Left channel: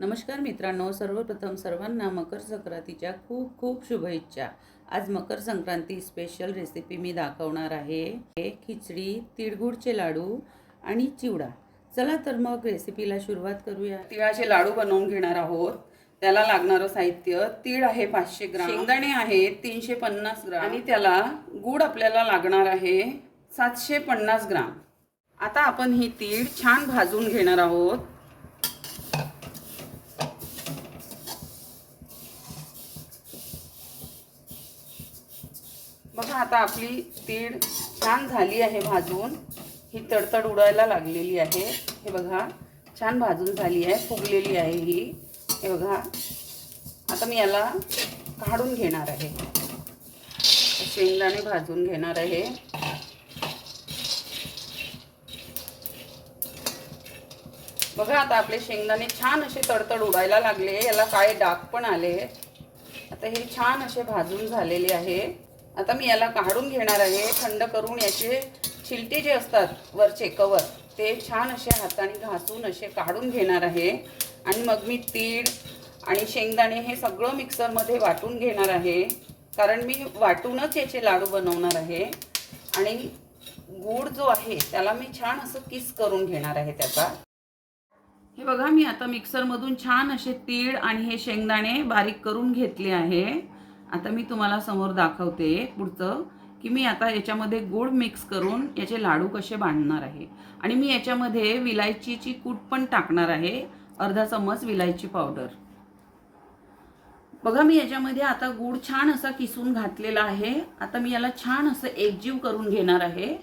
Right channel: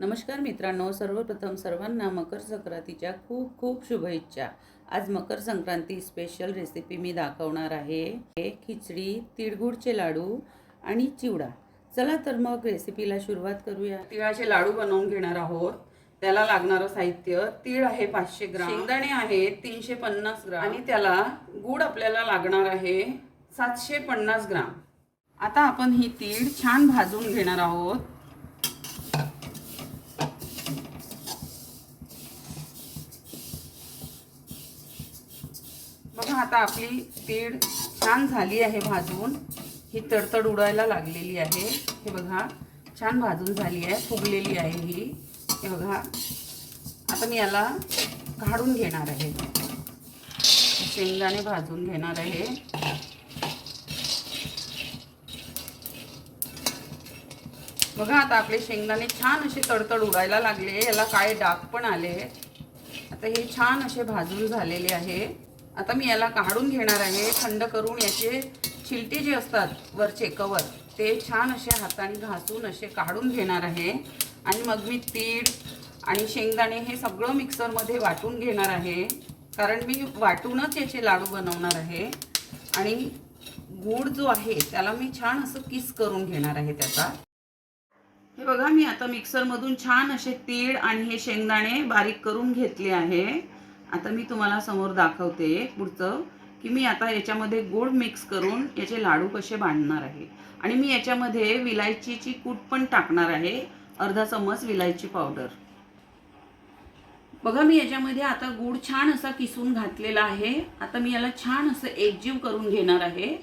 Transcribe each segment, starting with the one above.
नमस्कार मित्रांनो, सर्वप्रथम सर्वांना मकर संक्रांतीच्या खूप खूप शुभेच्छा। आज मकर संक्रांती स्पेशल रेसिपी मी दाखवणार आहे। खिचडी, तिळगुळचे लाडू आणि चिवडा। चला तर मग रेसिपीला सुरुवात करूया। तिळाचे लाडू बनवून घेणार आहोत। त्याला लागणारं साहित्य: तीळ आहे 500 ग्राम, शेंगदाणे आहेत 350 ग्राम आणि त्याला गूळ आपल्याला लागणार आहे 750 ग्राम। आता आपण ही तीळ छान भाजून घेणार आहोत। आता आपली तीळ छान झाली आहे भाजून, ही तडतड उडायला लागलेली आहे। हे बघा, छान भाजून झाली आहे, फुगलेली आहे ही। हे बघा, आता मी याला काढून घेणार आहे। शेंगदाणे भाजून घेणार आहे। बघा, आता आपले शेंगदाणे छान असे तडतड उडायला लागले, याला काळे डाग पण आले। आता हे छान असे भाजून झालेले आहे। आता मी याला काढून घेणार आहे। थंड करून याचे छिलटे जे असतात वरचे कवर, ते छान असे हाताने घासून असे काढून घेणार आहे। आणि मग मी तीळ आणि शेंगदाणे हे सगळं मिक्सरमध्ये वाटून घेणार आहे, कारण मी वाटूनच याचे लाडू बनवणार आहे। आणि गूळ जो आहे त्याला मी छान असं किस करून घेणार आहे त्याचा। हे बघा, मी आता मिक्सरमधून छान असे तीळ आणि हे शेंगदाणे बारीक करून घेतले आहे। आता मी तुम्हाला समोर दाखवते पुढचं, की मी आता याच्यामध्ये गूळ मिक्स करून याचे लाडू कसे बांधणार आहे। आणि मी याच्यामध्ये विलायचीची कूट पण टाकणार आहे, अर्धा चम्मच विलायची पावडर। बघा, मी याच्यामध्ये आता गूळ छान असा किसून घातलेला आहे। आता मी याला छान असं एकजीव करून घेणार आहे।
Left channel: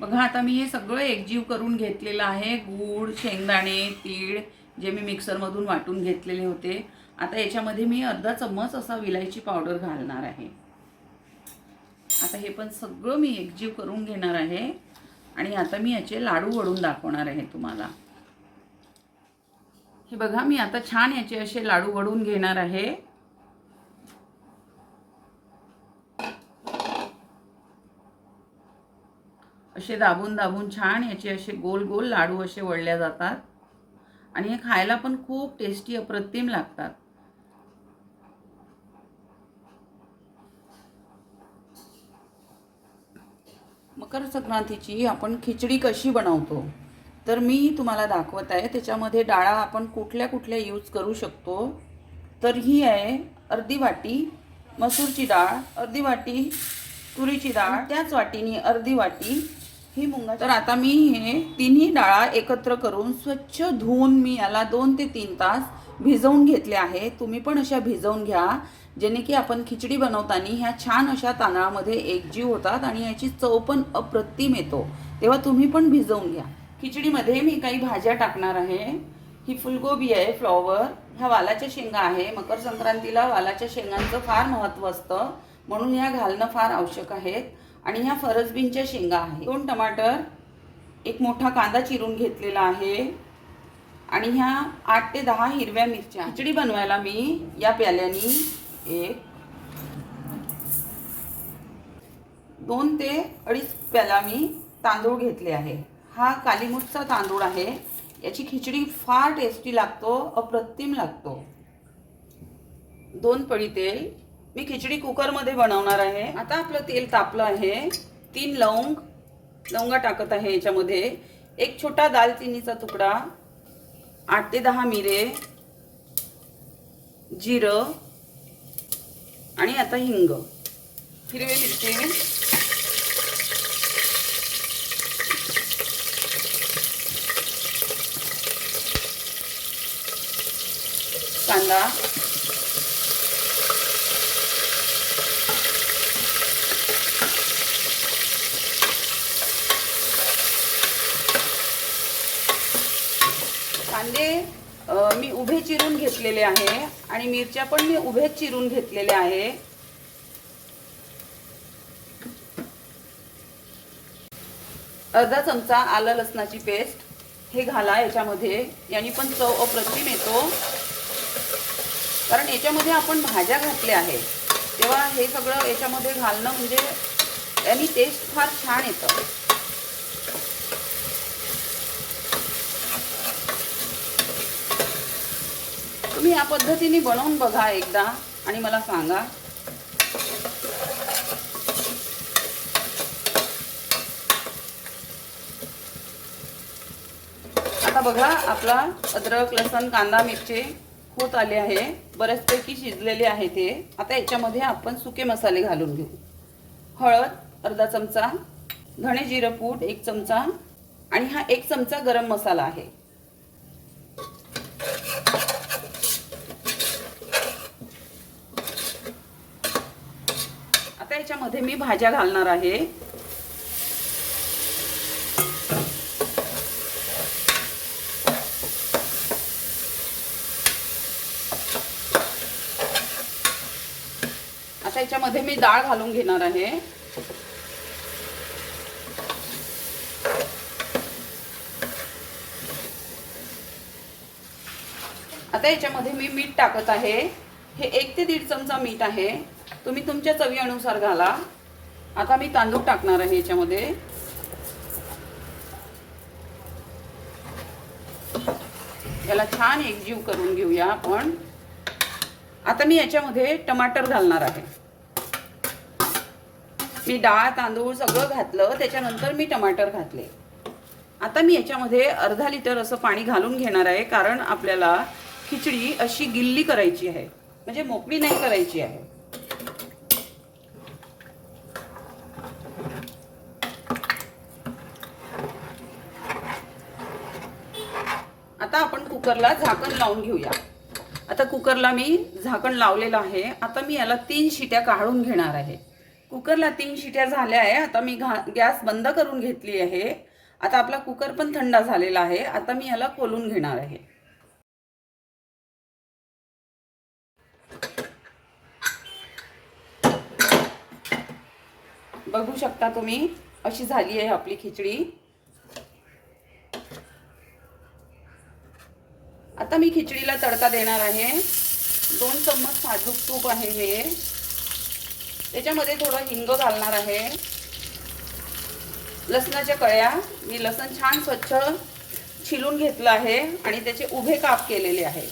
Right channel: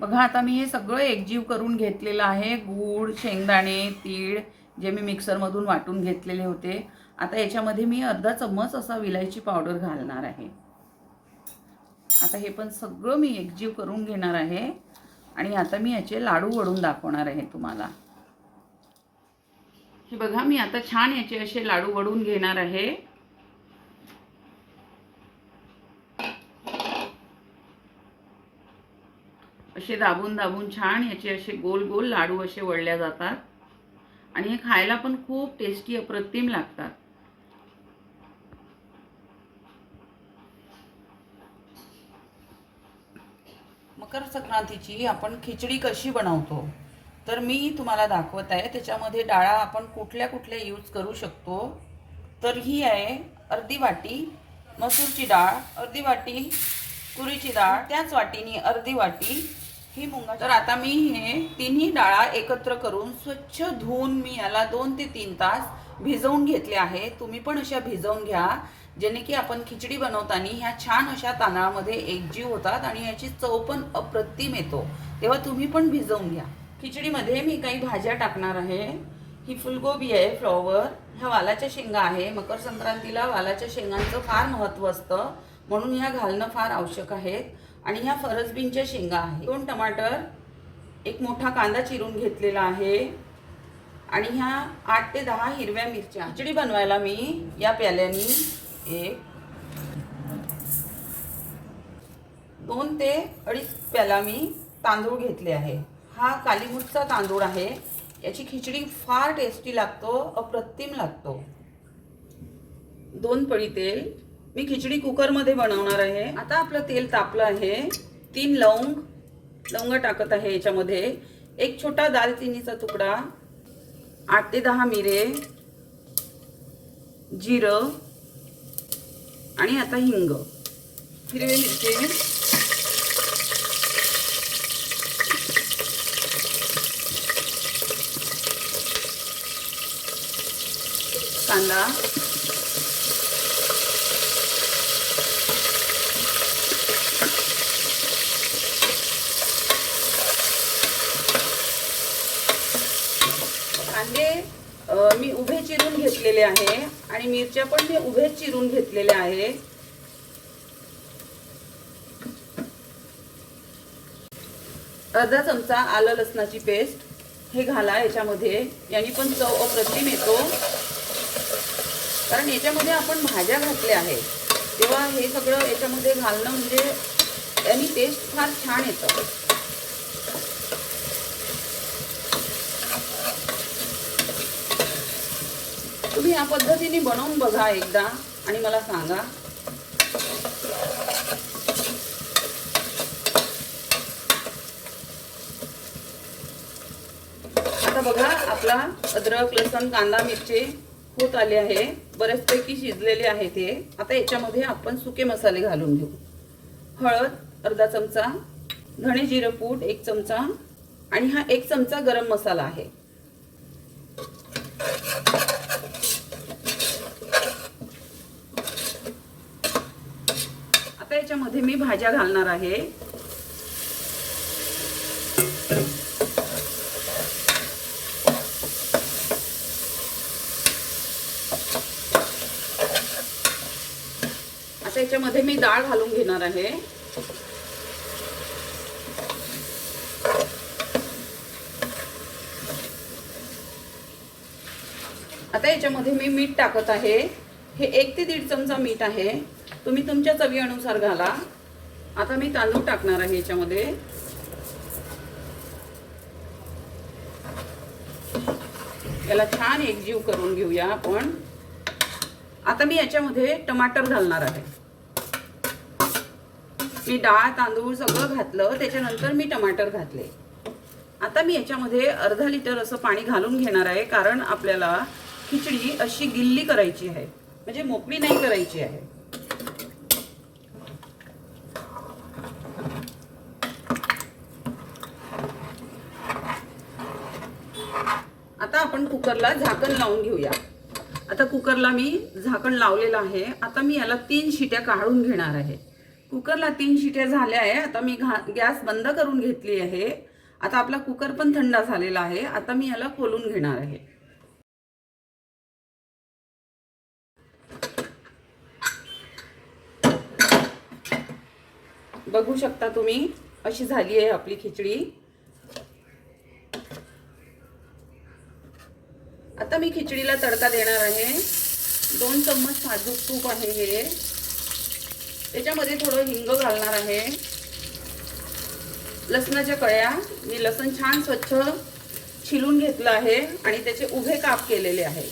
बघा, आता मी हे सगळं एकजीव करून घेतलेलं आहे। गूळ, शेंगदाणे, तीळ जे मी मिक्सरमधून वाटून घेतलेले होते। आता याच्यामध्ये मी अर्धा चम्मच असा विलायची पावडर घालणार आहे। आता हे पण सगळं मी एकजीव करून घेणार आहे। आणि आता मी याचे लाडू वळून दाखवणार आहे तुम्हाला। हे बघा, मी आता छान याचे असे लाडू वळून घेणार आहे। असे दाबून दाबून छान याचे असे गोल गोल लाडू असे वळल्या जातात। आणि हे खायला पण खूप टेस्टी अप्रतिम लागतात। मकर संक्रांतीची आपण खिचडी कशी बनवतो तर मी तुम्हाला दाखवत आहे। त्याच्यामध्ये डाळा आपण कुठल्या कुठल्या यूज करू शकतो। तर ही आहे अर्धी वाटी मसूरची डाळ, अर्धी वाटी तुरीची डाळ, त्याच वाटीने अर्धी वाटी ही मुंगाची। तर आता मी हे तिन्ही डाळा एकत्र करून स्वच्छ धुवून मी याला 2 ते 3 तास भिजवून घेतले आहे। तुम्ही पण अशा भिजवून घ्या, जेणे की आपण खिचडी बनवताना ह्या छान अशा तांदळामध्ये एकजीव होतात आणि याची चव पण अप्रतिम येतो। तेव्हा तुम्ही पण भिजवून घ्या। खिचडीमध्ये मी काही भाज्या टाकणार आहे। ही फुलगोबी आहे, फ्लॉवर, ह्या वालाच्या शेंगा आहे। मकर संक्रांतीला वालाच्या शेंगांचं फार महत्त्व असतं, म्हणून ह्या घालणं फार आवश्यक आहे। आणि ह्या फरसबीनच्या शेंगा आहेत, 2 टमाटर, एक मोठा कांदा चिरून घेतलेला आहे आणि ह्या 8 ते 10 हिरव्या मिरच्या। खिचडी बनवायला मी या प्याल्यानी 2 ते 2.5 प्याला मी तांदूळ घेतले आहे। हा कालीमुठचा तांदूळ आहे। याची खिचडी फार टेस्टी लागतो, अप्रतिम लागतो। 2 पळी तेल, मी खिचडी कुकरमध्ये बनवणार आहे। आता आपलं तेल तापलं आहे। 3 लवंगा टाकत आहे याच्यामध्ये, एक छोटा दालचिनीचा तुकडा, 8 ते 10 मिरे, जिरं आणि आता हिंग, हिरवी मिरची, कांदा, कांदे मी उभे चिरून घेतलेले आहे आणि मिरच्या पण मी उभे चिरून घेतलेल्या आहे। अर्धा चमचा आलं लसणाची पेस्ट हे घाला याच्यामध्ये, याने पण चव अप्रतिम येतो, कारण याच्यामध्ये आपण भाज्या घातल्या आहे। तेव्हा हे सगळं याच्यामध्ये घालणं म्हणजे यानी टेस्ट फार छान येतं। ह्या पद्धतीने बनवून बघा एकदा आणि मला सांगा. आता बघा आपला अद्रक लसूण कांदा मिरची होत आले आहे, बरेचपैकी शिजलेले आहे ते. आता याच्यामध्ये आपण सुके मसाले घालून घेऊ. हळद अर्धा चमचा, धणे जिरे पूड 1 चमचा आणि हा 1 चमचा गरम मसाला आहे. आता याच्यामध्ये मी भाज्या घालणार आहे. आता याच्यामध्ये मी डाळ घालून घेणार आहे. आता याच्यामध्ये मी मीठ टाकत आहे. हे 1 ते 1.5 चमचा मीठ आहे. तुम्ही तुमच्या चवीनुसार घाला. आता मी तांदूळ टाकणार आहे याच्यामध्ये. याला छान एकजीव करून घेऊया आपण. आता मी याच्यामध्ये टमाटर घालणार आहे. मी डाळ तांदूळ सगळं घातलं, त्याच्यानंतर मी टमाटर घातले. आता मी याच्यामध्ये अर्धा लिटर असं पाणी घालून घेणार आहे, कारण आपल्याला खिचडी अशी गिल्ली करायची आहे, म्हणजे मोकळी नाही करायची आहे. आता आपण कुकरला झाकण लावून घेऊया. आता कुकरला मी झाकण लावलेलं आहे. आता मी याला 3 शिट्या काढून घेणार आहे. कुकरला 3 शिट्या झाल्या आहे. आता मी गॅस बंद करून घेतली आहे. आता आपला कुकर पण थंड झालेला आहे. आता मी याला खोलून घेणार आहे. बघू शकता तुम्ही, अशी झाली आहे आपली खिचडी. आता मी खिचडीला तडका देणार आहे. 2 चम्मच साजूक तूप आहे हे. त्याच्यामध्ये थोडं हिंग घालणार आहे. लसणाच्या कळ्या, मी लसण छान स्वच्छ छिलून घेतलं आहे आणि त्याचे उभे काप केलेले आहे.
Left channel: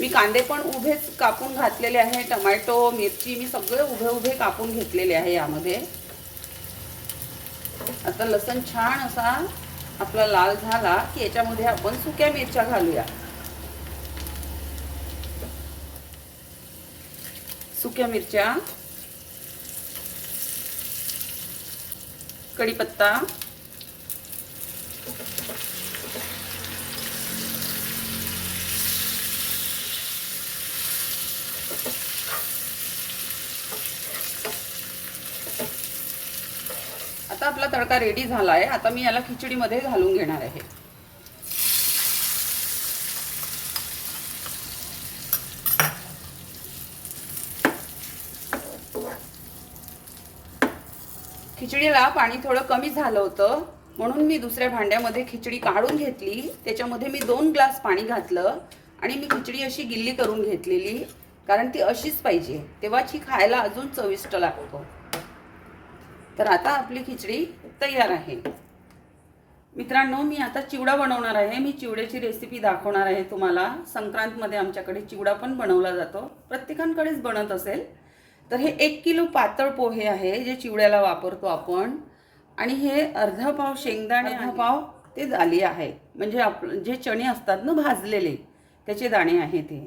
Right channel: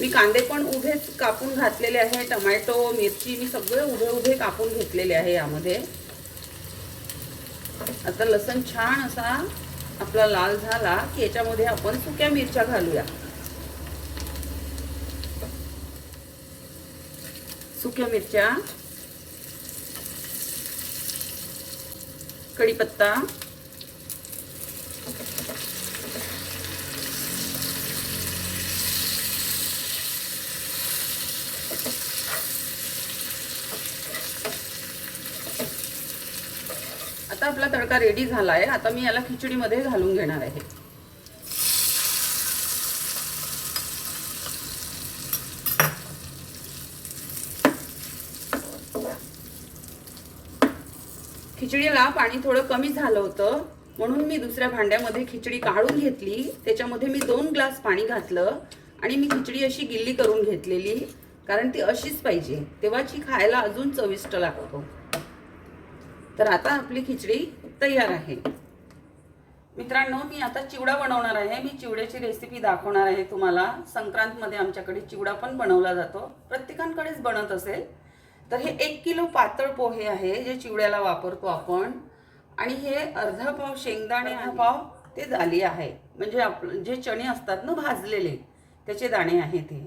मी कांदे पण उभेच कापून घातलेले आहे. टोमॅटो मिरची मी सगळे उभे उभे कापून घेतलेले आहे यामध्ये. आता लसण छान असा आपला लाल झाला की याच्यामध्ये आपण सुक्या मिरच्या घालूया. सुक्या मिरच्या, कढीपत्ता, आता आपला तडका रेडी झाला आहे. आता मी याला खिचडीमध्ये घालून घेणार आहे. खिचडीला पाणी थोडं कमी झालं होतं, म्हणून मी दुसऱ्या भांड्यामध्ये खिचडी काढून घेतली. त्याच्यामध्ये मी 2 ग्लास पाणी घातलं आणि मी खिचडी अशी गिल्ली करून घेतलेली, कारण ती अशीच पाहिजे, तेव्हाची खायला अजून चविष्ट लागतो. तर आता आपली खिचडी तयार आहे. मित्रांनो, मी आता चिवडा बनवणार आहे. मी चिवड्याची रेसिपी दाखवणार आहे तुम्हाला. संक्रांतमध्ये आमच्याकडे चिवडा पण बनवला जातो, प्रत्येकांकडेच बनत असेल. तर हे 1 किलो पातळ पोहे आहे जे चिवड्याला वापरतो आपण. आणि हे अर्धा पाव शेंगदाणे, अर्धा पाव ते दाली आहे, म्हणजे आपले जे चणे असतात ना भाजलेले, त्याचे दाणे आहे ते.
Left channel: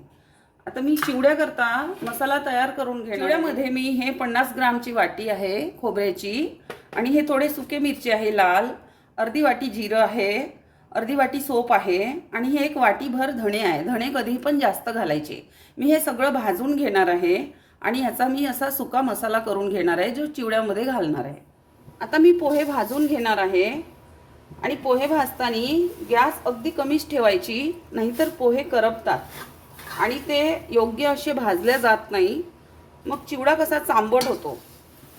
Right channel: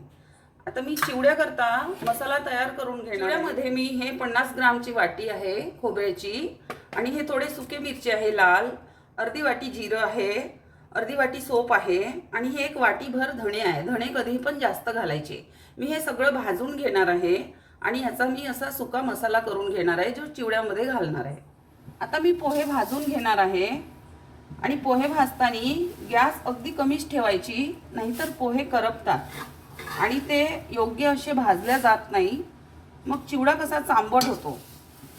आता मी चिवड्या करता मसाला तयार करून घेणार. चिवड्यामध्ये मी हे 50 ग्रामची वाटी आहे खोबऱ्याची, आणि हे थोडे सुके मिरची आहे लाल, अर्धी वाटी जिरं आहे, अर्धी वाटी सोप आहे, आणि हे 1 वाटीभर धणे आहे. धणे कधी पण जास्त घालायचे. मी हे सगळं भाजून घेणार आहे आणि ह्याचा मी असा सुका मसाला करून घेणार आहे जो चिवड्यामध्ये घालणार आहे. आता मी पोहे भाजून घेणार आहे. आणि पोहे भाजताना गॅस अगदी कमीच ठेवायची, नाहीतर पोहे करपतात आणि ते योग्य असे भाजले जात नाही. मग चिवडा कसा चांबट होतो.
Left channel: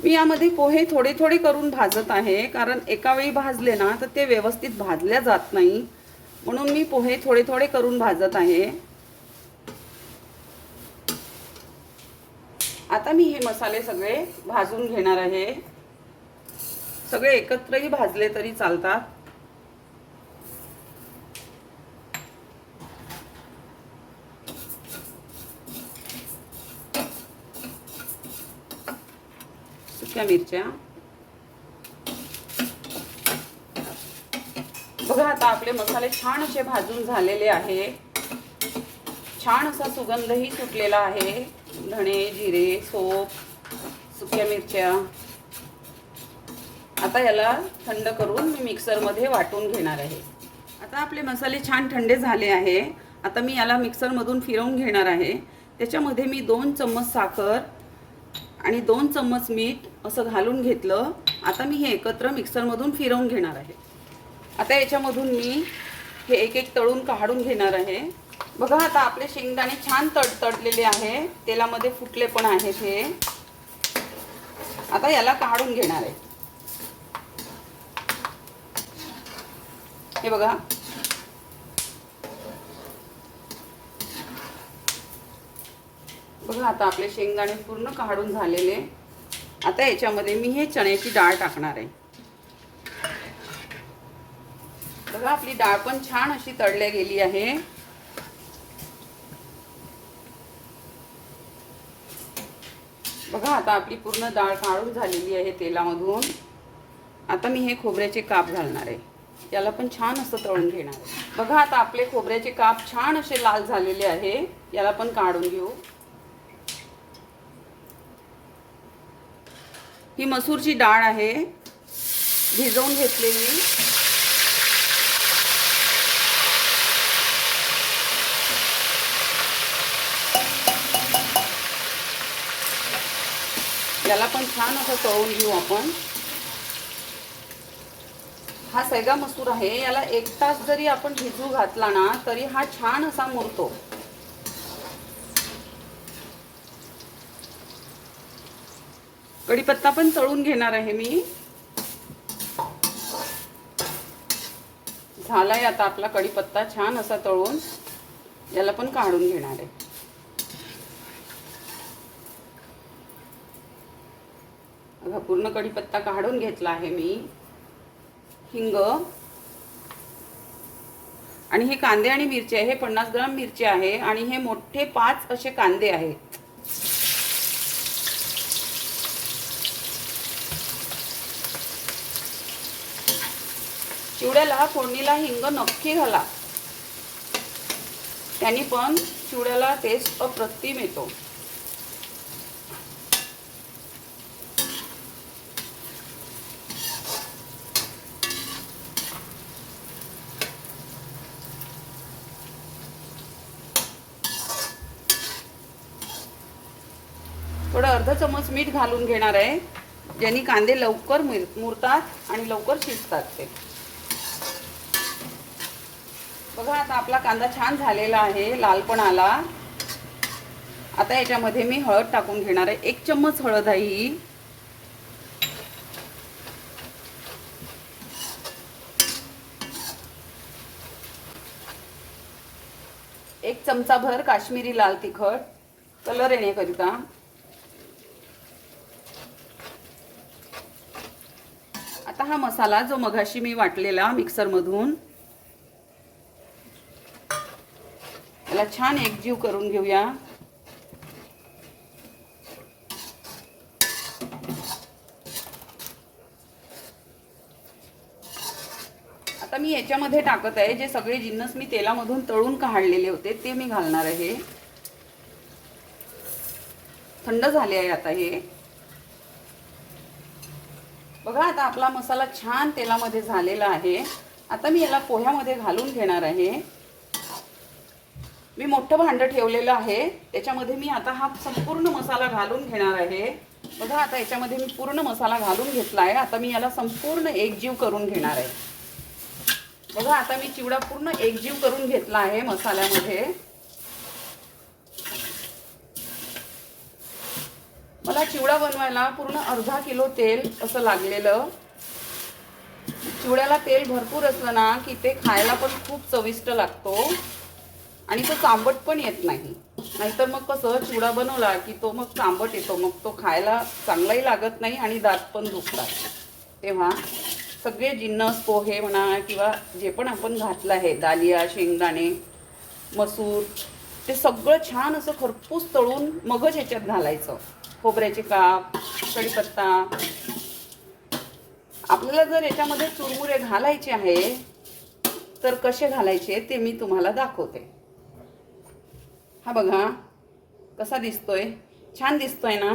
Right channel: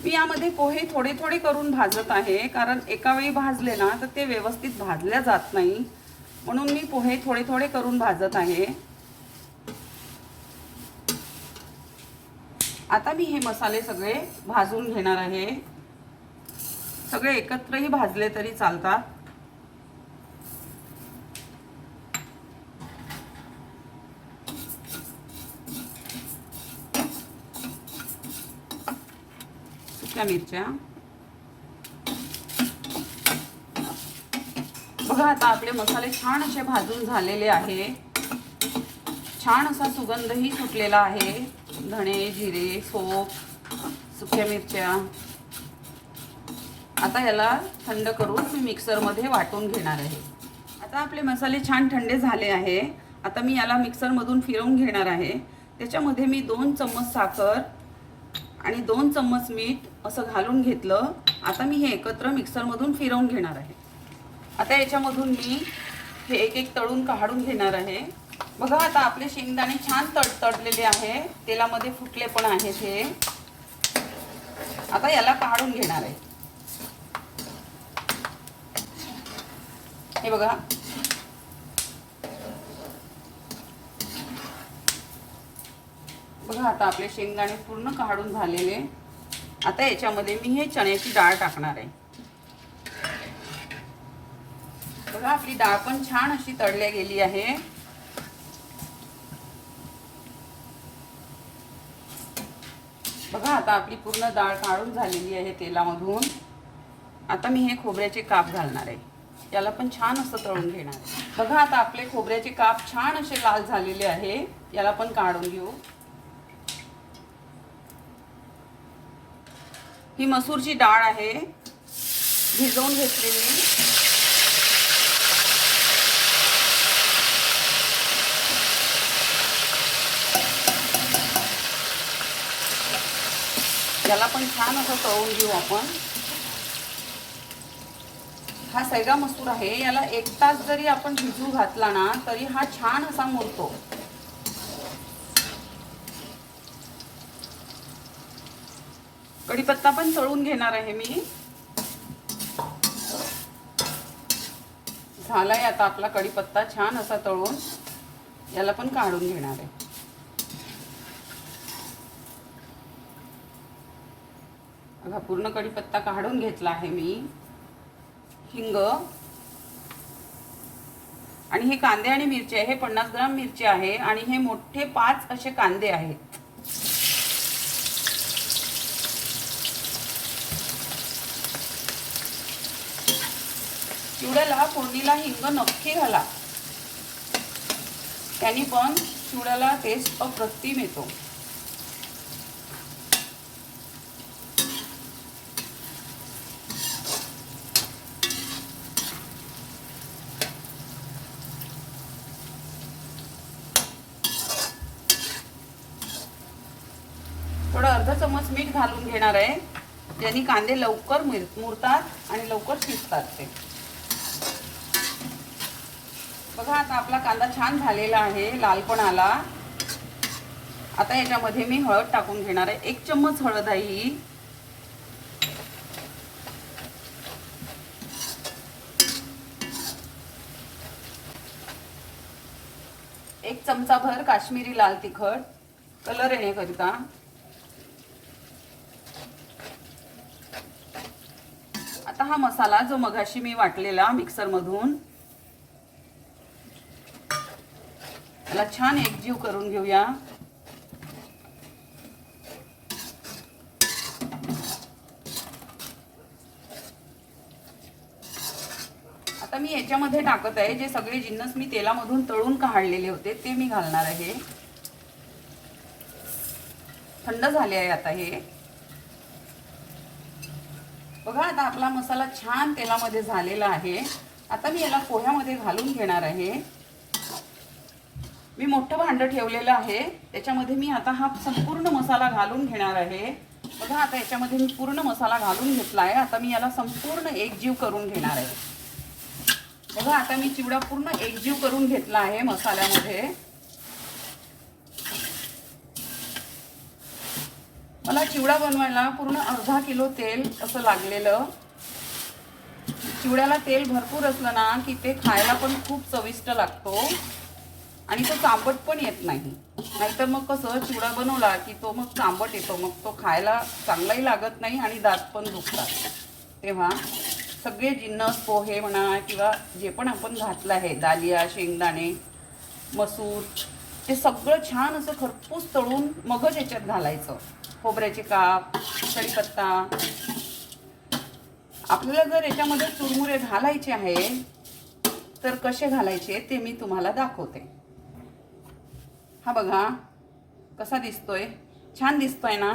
मी यामध्ये पोहे थोडे थोडे करून भाजत आहे, कारण एका वेळी भाजले ना तर ते व्यवस्थित भाजले जात नाही, म्हणून मी पोहे थोडे थोडे करून भाजत आहे. आता मी हे मसाले सगळे भाजून घेणार आहे. सगळे एकत्रही भाजले तरी चालतात. सुक्या मिरच्या. बघा आता आपले मसाले छान असे भाजून झालेले आहे. छान असा सुगंधही सुटलेला आहे. धणे, जिरे, सोप, सुक्या मिरच्या. आता याला थंड करून मी मिक्सरमध्ये वाटून घेणार आहे. आता आपले मसाले छान थंडे झाले आहे. आता मी याला मिक्सरमधून फिरवून घेणार आहे. त्याच्यामध्ये मी 2 चम्मच साखर आणि 2 चम्मच मीठ असं घालून घेतलं. आता मी हे एकत्र मिक्सरमधून फिरवून घेणार आहे. आता याच्यामधून मी हे एक एक तळून काढून घेणार आहे. बघा आता आपले शेंगदाणे छान तडतडलेले आहे. तेलामध्ये फुटले पण आहेत हे. आता याला काढून घेणार आहे. हे बघा. बघा आता आपले शेंगदाणे पूर्ण काढून झालेले. आता याच्यामध्ये मी हे चण्याची डाळ टाकणार आहे. बघा आपली डाळ पण छान अशी तळल्या गेली आहे. बघा आता आपली पूर्ण डाळ काढून झालेली आहे तेलामधून. आता मी हे खोबऱ्याचे काप घालणार आहे. याला पण छान असं तळून घेणार आहे. बघा आता आपले खोबऱ्याचे काप छान असे लाल झालेले आहे. याला पण काढून घेऊ. ही मसूरची डाळ आहे, भिजवून घेतलेली. याला पण छान असं तळून घेऊ आपण. हा सैगा मसूर आहे. याला 1 तास जरी आपण भिजू घातला ना तरी हा छान असा मुरतो. कढीपत्ता पण तळून घेणार आहे मी. झालाय आता आपला कढीपत्ता छान असा तळून. याला पण काढून घेणार आहे. बघा पूर्ण कढीपत्ता काढून घेतला आहे मी. हिंग आणि हे कांदे आणि मिरची आहे. हे 50 ग्राम मिरची आहे आणि हे मोठे 5 असे कांदे आहेत. चिवड्याला फोडणीला हिंग नक्की घाला. त्यानी पण चिवड्याला टेस्ट अप्रतिम येतो. थोडं अर्धा चम्मच मीठ घालून घेणार आहे, ज्याने कांदे लवकर मुरतात आणि लवकर शिजतात ते. बघा आता आपला कांदा छान झालेला आहे, लाल पण आला. आता याच्यामध्ये मी हळद टाकून घेणार आहे. 1 चम्मच हळद आहे ही. एक चमचा भर काश्मीरी लाल तिखट कलर येण्याकरिता. आता हा मसाला जो मगाशी मी वाटलेला मिक्सर मधून, याला छान एकजीव करून घेऊया. आता मी याच्यामध्ये टाकत आहे जे सगळे जिन्नस मी तेलामधून तळून काढलेले होते ते मी घालणार आहे. थंड झाले आहे आता हे. बघा आता आपला मसाला छान तेलामध्ये झालेला आहे. आता मी याला पोह्यामध्ये घालून घेणार आहे. मी मोठं भांड ठेवलेलं आहे, त्याच्यामध्ये मी आता हा संपूर्ण मसाला घालून घेणार आहे. बघा आता याच्यामध्ये मी पूर्ण मसाला घालून घेतला आहे. आता मी याला संपूर्ण एकजीव करून घेणार आहे. बघा आता मी चिवडा पूर्ण एकजीव करून घेतला आहे मसाल्यामध्ये. मला चिवडा बनवायला पूर्ण अर्धा किलो तेल असं लागलेलं. चिवड्याला तेल भरपूर असलं ना की ते खायला पण खूप चविष्ट लागतो आणि तो चांबट पण येत नाही. नाहीतर मग कसं चिवडा बनवला की तो मग चांबट येतो, मग तो खायला चांगलाही लागत नाही आणि दात पण दुखतात. तेव्हा सगळे जिन्नस पोहे म्हणा किंवा जे पण आपण घातलं आहे, दालिया, शेंगदाणे, मसूर, ते सगळं छान असं खरपूस तळून मगच याच्यात घालायचं. खोबऱ्याचे काप, कढीपत्ता. आपल्याला जर याच्यामध्ये चुरमुरे घालायचे आहे तर कसे घालायचे ते मी तुम्हाला दाखवते. हा बघा कसा दिसतोय, छान दिसतोय ना.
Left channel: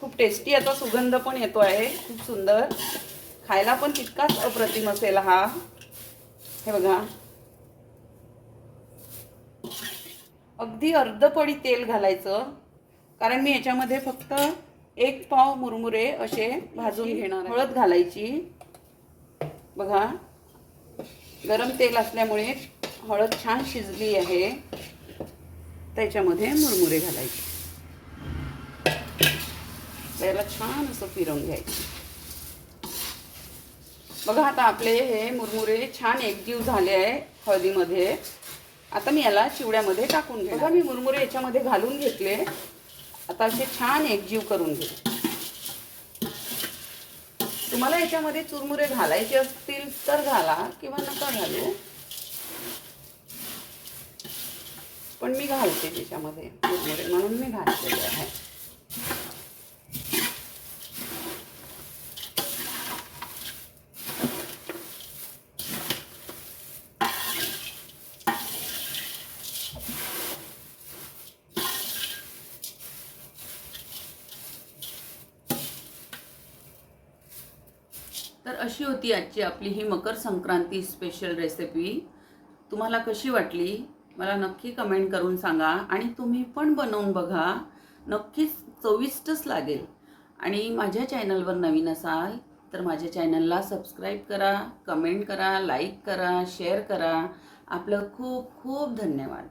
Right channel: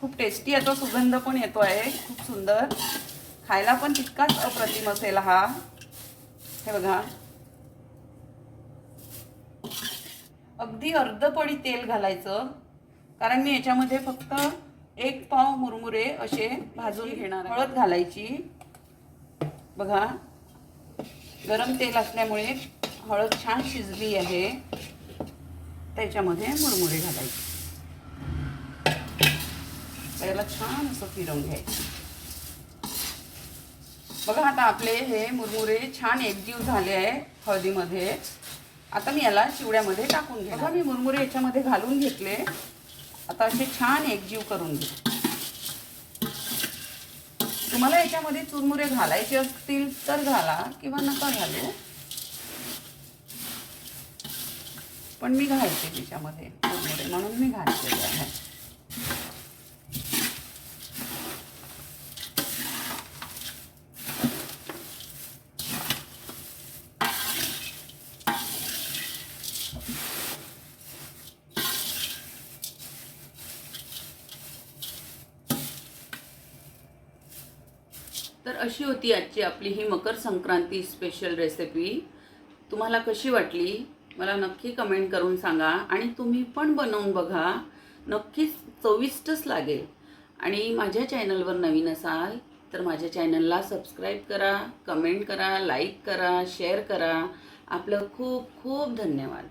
खूप टेस्टी याचा सुगंध पण येतो आहे, खूप सुंदर. खायला पण तितकाच अप्रतिम असेल हा. हे बघा, अगदी अर्ध पडी तेल घालायचं, कारण मी याच्यामध्ये फक्त 1 पाव मुरमुरे असे भाजून घेणार. हळद घालायची. बघा, गरम तेल असल्यामुळे हळद छान शिजली आहे. त्याच्यामध्ये मुरमुरे घालायचे. त्याला छान असं फिरवून घ्यायचं. बघा, आता आपले हे मुरमुरे छान एकजीव झाले आहे हळदीमध्ये. आता मी याला चिवड्यामध्ये टाकून घेणार. बघा, मी मुरमुरे याच्यामध्ये घालून घेतले. आता असे छान एकजीव करून घे. तुम्हाला याच्यामध्ये चुरमुरे घालायचे असतील तर घाला किंवा नका घालू, पण मी घालते त्याच्यामध्ये मुरमुरे म्हणून मी घातलेले आहे. तर अशी होती आजची आपली ही मकर संक्रांती स्पेशल रेसिपी. तुम्हाला कशी वाटली मला नक्की कमेंट करून सांगा. आणि तुम्ही पण बनवून बघा, नक्कीच चविष्टच लागेल. आणि माझ्या चॅनलवर नवीन असाल तर माझ्या चॅनलला सबस्क्राईब करा, कमेंट करा, लाईक करा, शेअर करा. आपलं खूप खूप धन्यवाद.